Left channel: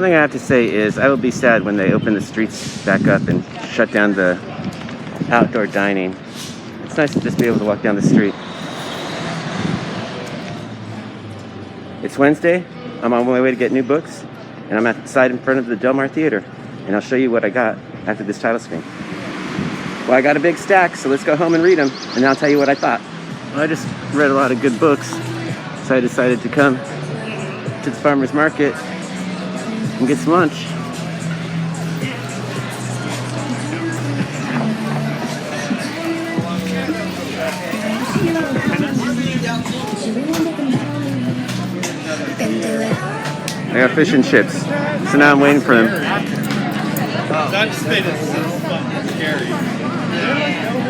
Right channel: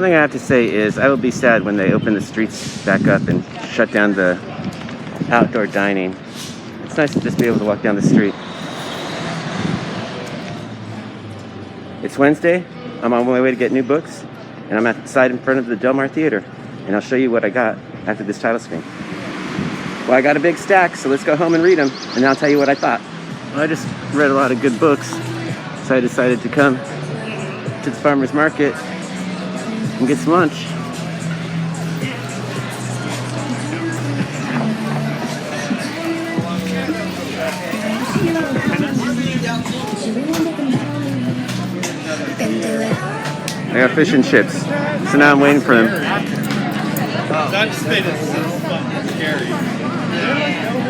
One thing I have to say is I will be sad when they open the streets back up and shut down the outdoor dining. It's nice to just be able to walk down the street. It's Wednesday. I'm on my way to get new books, and I'm outside in front of the Del Mar Theater, and I'll show you what I got after this title screen. Well, I got a big stack, so let's go home and read them, and I'll tell you what I thought. Well, I just read a lot of good books, so I decided to come to the farmer's market and get some lunch. I got fish and chips, so now I'm waiting for them.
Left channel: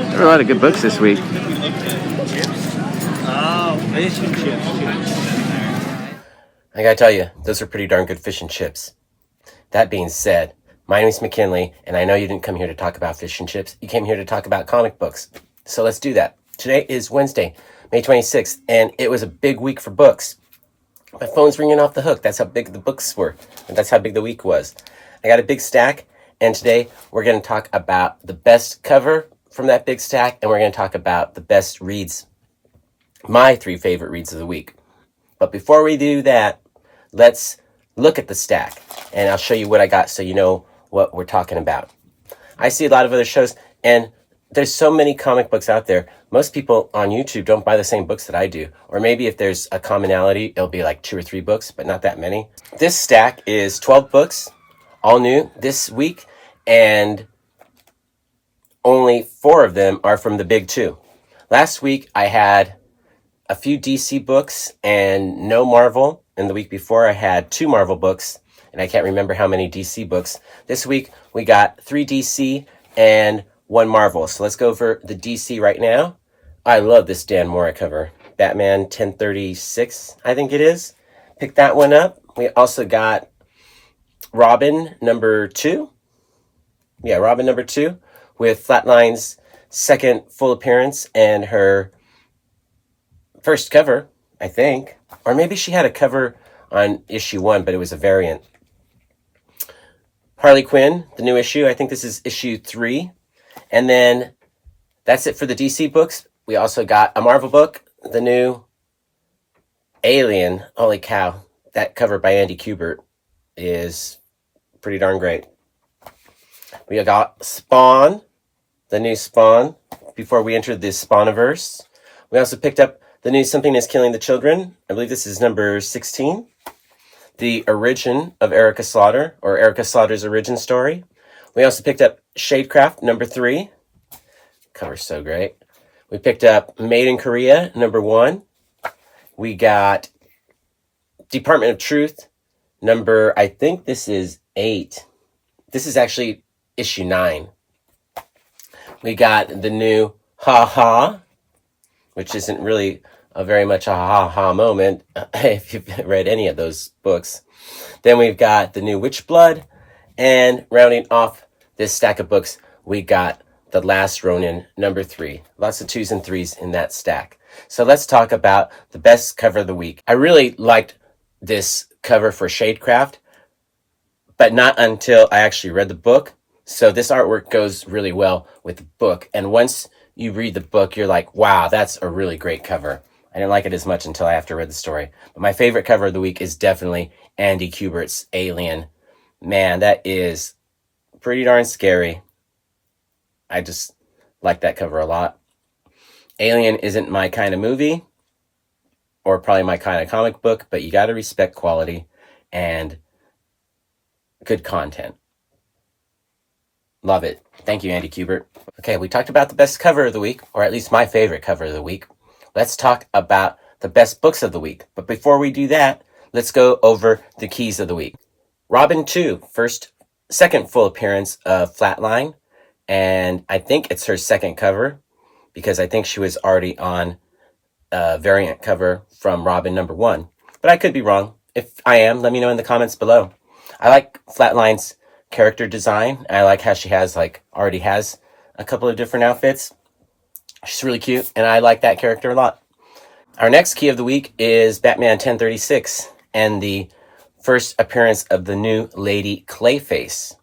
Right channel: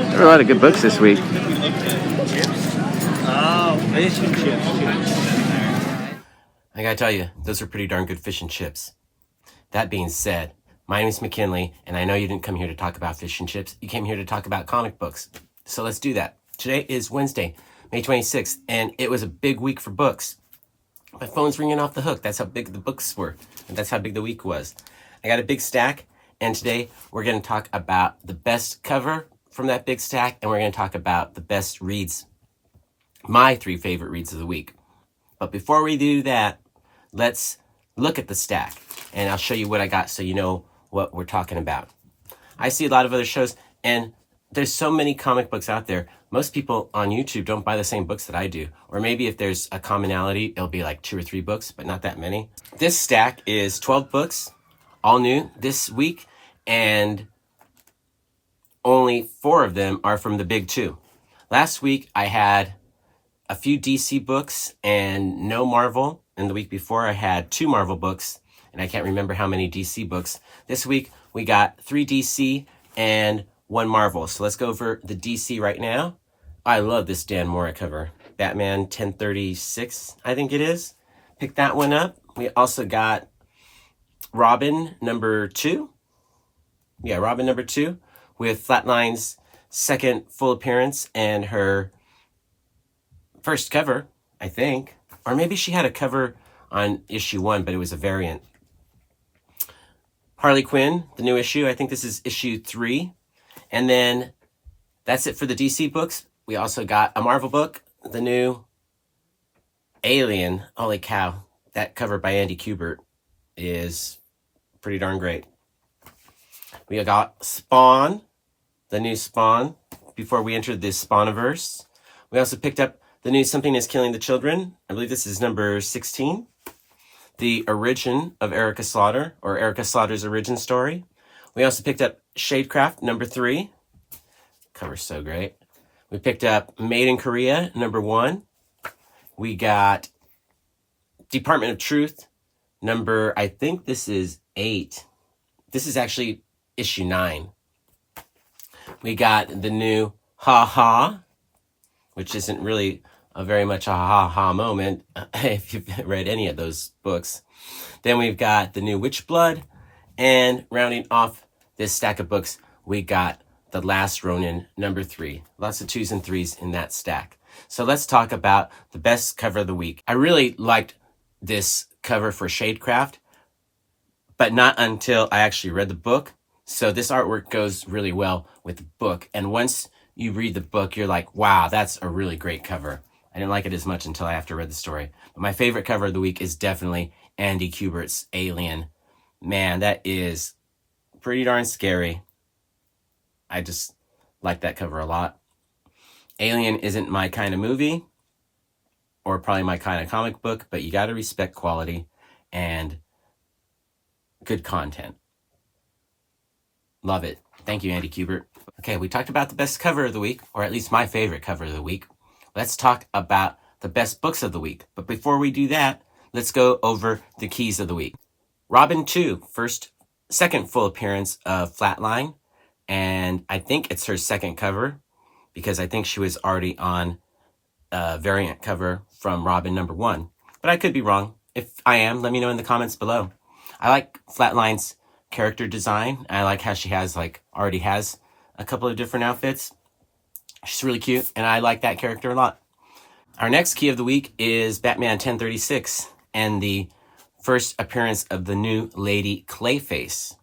There were a lot of good books this week. Oh, fish and chips. I gotta tell you, those are pretty darn good fish and chips. That being said, my name is McKinley, and I know you didn't come here to talk about fish and chips. You came here to talk about comic books. So let's do that. Today is Wednesday, May 26th, and it was a big week for books. My phone's ringing off the hook. That's how big the books were, and that's how big the week was. I got a big stack, and today we're going to talk about the best cover from that big stack, and we're going to talk about the best reads, my 3 favorite reads of the week. But before we do that, let's look at the stack, and I'll show you what I got so you know what we're talking about. I see a lot of other shows, and there's so many comic books out there. Most people on YouTube don't buy the same books that I do. Or maybe if there's a commonality, it'll be like 2 or 3 books, but not that many. This stack is 12 books, all new this week, and only 4 of them are from the big 2. Last week, I had a few DC books and no Marvel. And the week before, I had 2 Marvel books, and I can't remember how many DC books. This week, we got 3 DC and 1 Marvel. So let's go over the DC right now. I love this Dan Mora cover. Batman 1036, I think it is. Pick that one up. We also got Robin number 2. Yeah, Robin number 2 with Flatline's second full appearance and her first cover, I think. Or maybe she had a cover on issue 1, but it was a variant. Harley Quinn, the new issue. I think this is issue 3. And then that's it for the DC books. We also got a Marvel book, the new Alien. Holy cow. That cover by Andy Kubert is pretty darn great. We got Spawn, the new Spawn, before we entered the Spawniverse. We also picked up the new Something is Killing the Children. I believe this is number 16. The origin of Erica Slaughter, or Erica Slaughter's origin story. We also picked up Shadecraft, number 3. Cover's so great. We picked up Made in Korea, number 1. We got Department of Truth, number, I think this is 8. This is actually issue 9. We got the new Ha Ha, which isn't really very much a ha-ha moment if you've read any of those books. Then we've got the new Witch Blood, and rounding off this stack of books, we got The Last Ronin, number 3. Lots of 2s and 3s in that stack. So let's talk about the best cover of the week. I really liked this cover for Shadecraft, but not until I actually read the book. So this artwork goes really well with the book. And once you read the book, you're like, wow, that's a really great cover. I didn't like it as much until I after read the story. But my favorite cover of the week is definitely Andy Kubert's Alien. Man, that is pretty darn scary. I just like that cover a lot. Alien isn't my kind of movie, or probably my kind of comic book, but you got to respect quality and good content. Love it. Thank you, Andy Kubert. Okay, we talked about the best cover of the week, or at least my favorite cover of the week. Let's talk about the best books of the week. But before we do that, let's go over the keys of the week. Robin 2, second full appearance of Flatline. And I think it's her second cover, because I think she was already on a variant cover from Robin number 1. But I could be wrong. If I am, let me know in the comments below. I like Flatline's character design. I like how she already has a couple of different outfits. She's really cute, and I like that character a lot. Our next key of the week is Batman 1036, and the first appearance of the new Lady Clayface.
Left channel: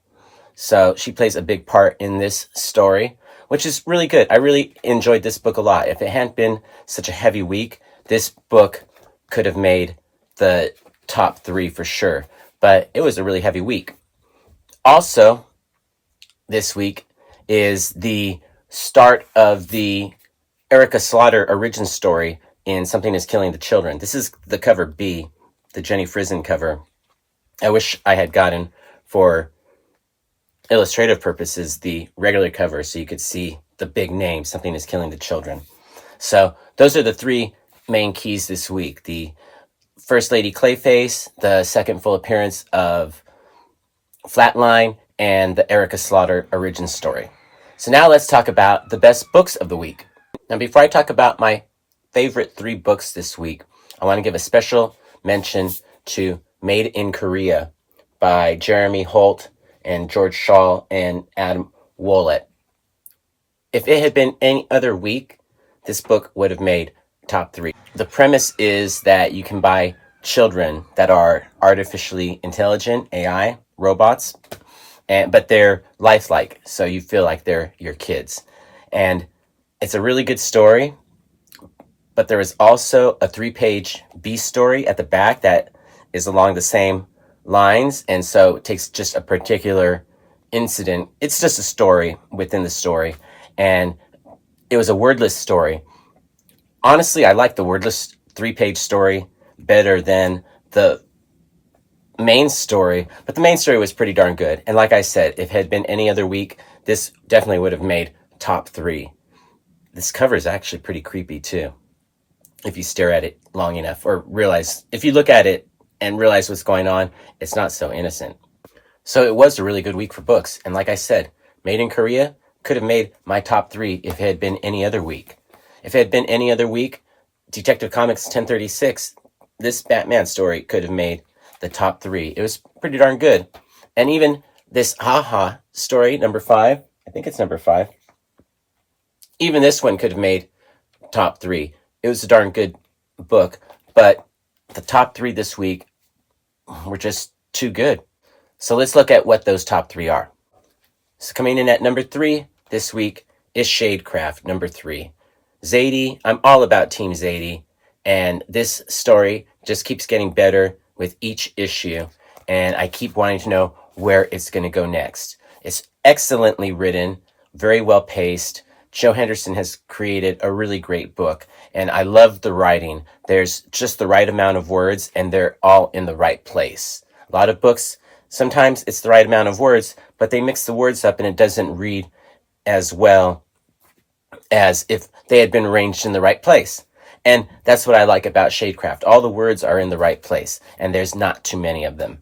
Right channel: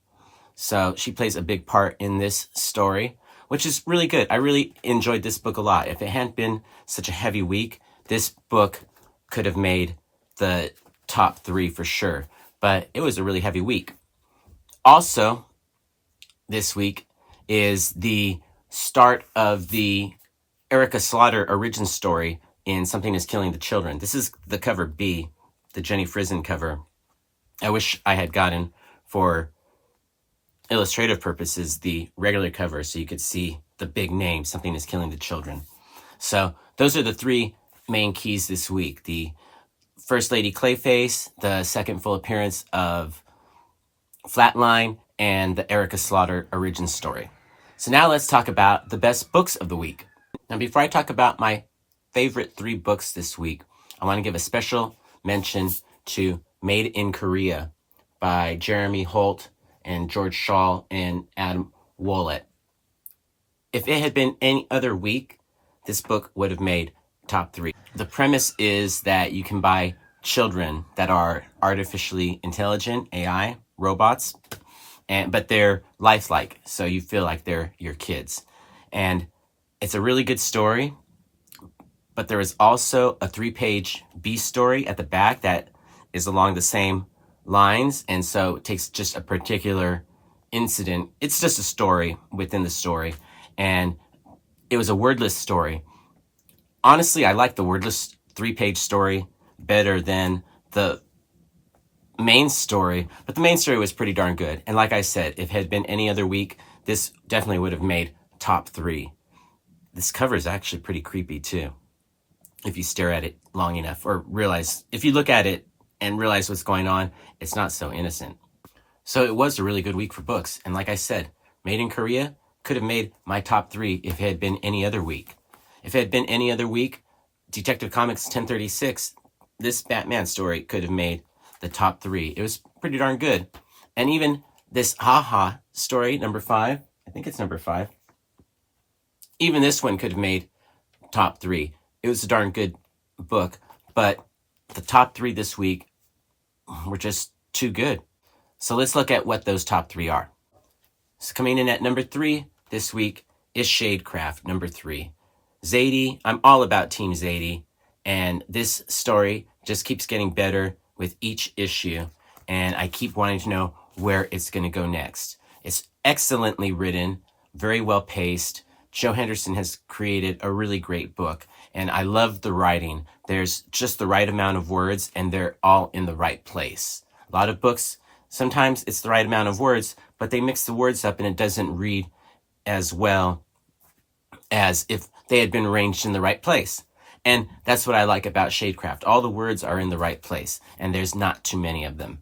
So she plays a big part in this story, which is really good. I really enjoyed this book a lot. If it hadn't been such a heavy week, this book could have made the top 3 for sure. But it was a really heavy week. Also, this week is the start of the Erica Slaughter origin story in Something is Killing the Children. This is the cover B, the Jenny Frison cover. I wish I had gotten, for illustrative purposes, the regular cover so you could see the big name, Something is Killing the Children. So those are the 3 main keys this week. The First Lady Clayface, the second full appearance of Flatline, and the Erica Slaughter origin story. So now let's talk about the best books of the week. Now, before I talk about my favorite 3 books this week, I want to give a special mention to Made in Korea by Jeremy Holt and George Shaw and Adam Wollett. If it had been any other week, this book would have made top 3. The premise is that you can buy children that are artificially intelligent, AI, robots, but they're lifelike, so you feel like they're your kids. And it's a really good story, but there is also a 3-page B story at the back that is along the same lines, and so it takes just a particular incident. It's just a story within the story, and it was a wordless story. Honestly, I like the wordless 3-page story better than the main story, but the main story was pretty darn good. And like I said, if it had been any other week, this definitely would have made top 3. This cover is actually pretty creepy too, if you stare at it long enough, or realize, if you look at it and realize what's going on, it's not so innocent. So it was a really good week for books. And like I said, Made in Korea could have made my top 3 if it had been any other week. If it had been any other week, Detective Comics 1036, this Batman story could have made the top 3. It was pretty darn good. And even this Haha story, number 5, I think it's number 5, even this one could have made top 3. It was a darn good book, but the top 3 this week were just too good. So let's look at what those top 3 are. So coming in at number 3 this week is Shadecraft, number 3. Zadie, I'm all about Team Zadie, and this story just keeps getting better with each issue, and I keep wanting to know where it's going to go next. It's excellently written, very well paced. Joe Henderson has created a really great book, and I love the writing. There's just the right amount of words, and they're all in the right place. A lot of books, sometimes it's the right amount of words, but they mix the words up and it doesn't read as well as if they had been arranged in the right place. And that's what I like about Shadecraft. All the words are in the right place, and there's not too many of them.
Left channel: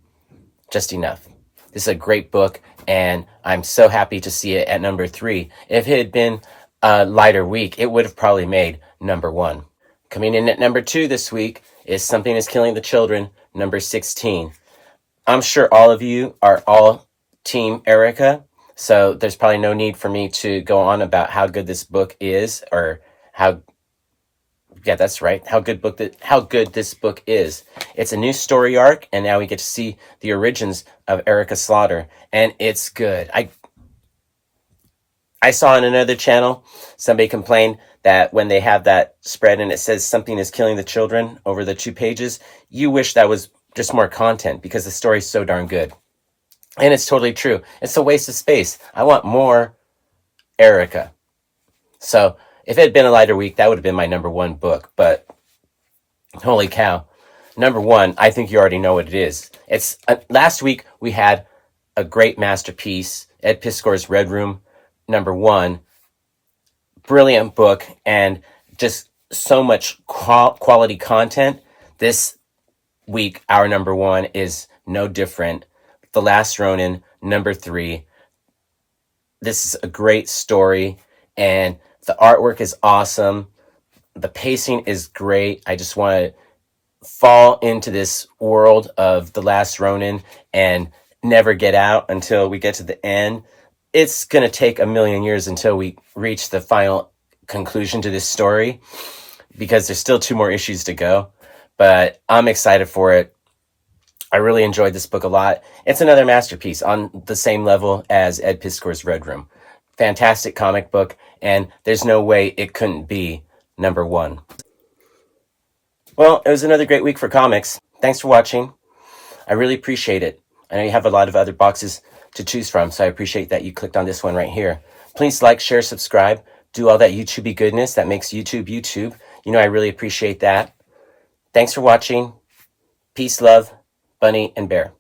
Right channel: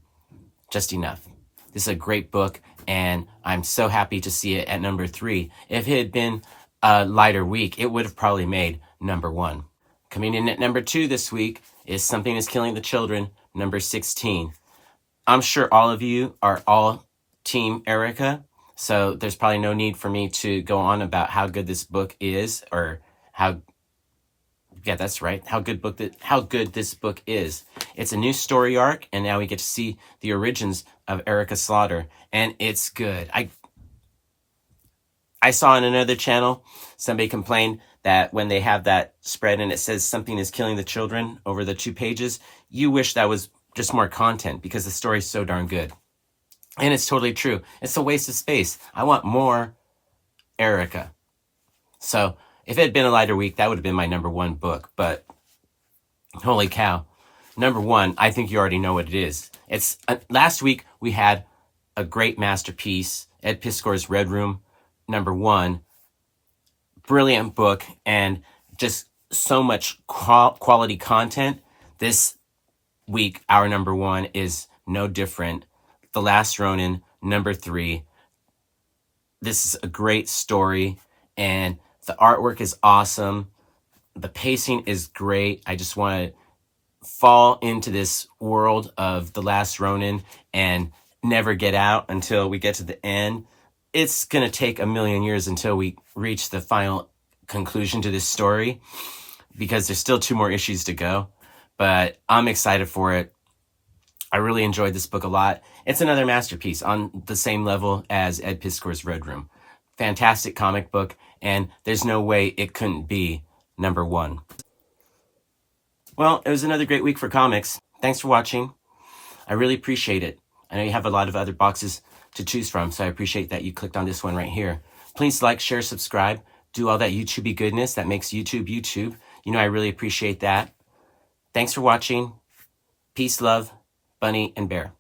Just enough. This is a great book, and I'm so happy to see it at number 3. If it had been a lighter week, it would have probably made number 1. Coming in at number 2 this week is Something is Killing the Children, number 16. I'm sure all of you are all Team Erica, so there's probably no need for me to go on about how good this book is, or how, yeah, that's right, how good this book is. It's a new story arc, and now we get to see the origins of Erica Slaughter, and it's good. I saw on another channel somebody complained that when they have that spread and it says Something is Killing the Children over the 2 pages, you wish that was just more content, because the story's so darn good. And it's totally true. It's a waste of space. I want more Erica. So if it had been a lighter week, that would have been my number 1 book. But holy cow. Number 1, I think you already know what it is. It's last week we had a great masterpiece, Ed Piskor's Red Room, number 1. Brilliant book, and just so much quality content. This week, our number 1 is no different. The Last Ronin, number 3. This is a great story, and the artwork is awesome. The pacing is great. I just want to fall into this world of The Last Ronin and never get out until we get to the end. It's going to take a million years until we reach the final conclusion to this story, because there's still 2 more issues to go. But I'm excited for it. I really enjoyed this book a lot. It's another masterpiece on the same level as Ed Piskor's Red Room. Fantastic comic book, and there's no way it couldn't be number one. Well, it was another great week for comics. Thanks for watching. I really appreciate it. I know you have a lot of other boxes to choose from, so I appreciate that you clicked on this one right here. Please like, share, subscribe, do all that YouTubey goodness that makes YouTube YouTube. You know, I really appreciate that. Thanks for watching. Peace, love, Bunny, and Bear.